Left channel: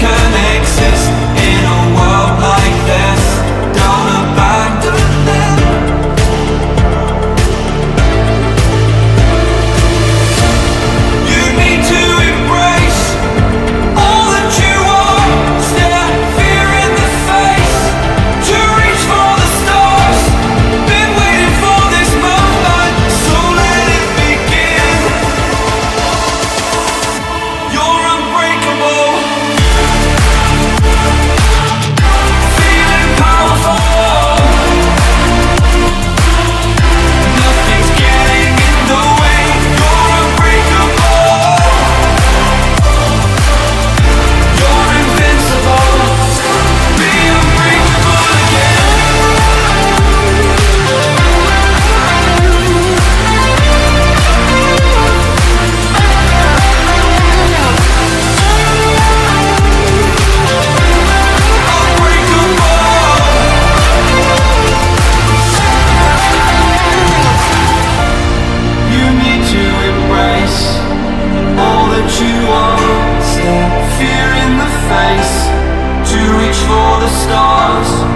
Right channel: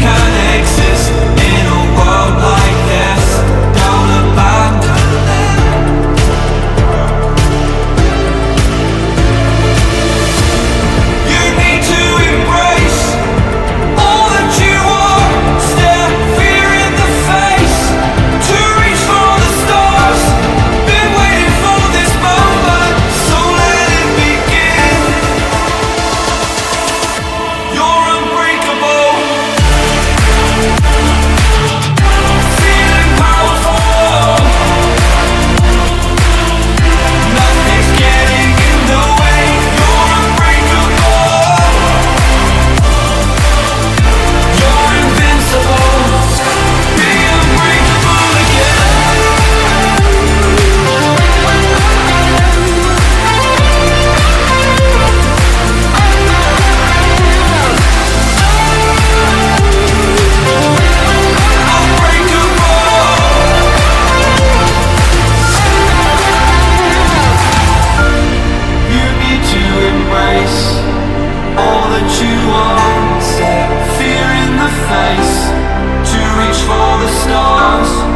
can exist in a world like this. Don't abandon them. You need to embrace all that you are. Stare fear in the face to reach for the stars. Been waiting for this moment, so let it begin. You're unbreakable, feeling powerful. Nothing's getting in the way. You're unbreakable. You're invincible. Be unbreakable again. You need to embrace all that you are. Stare fear in the face to reach for the stars.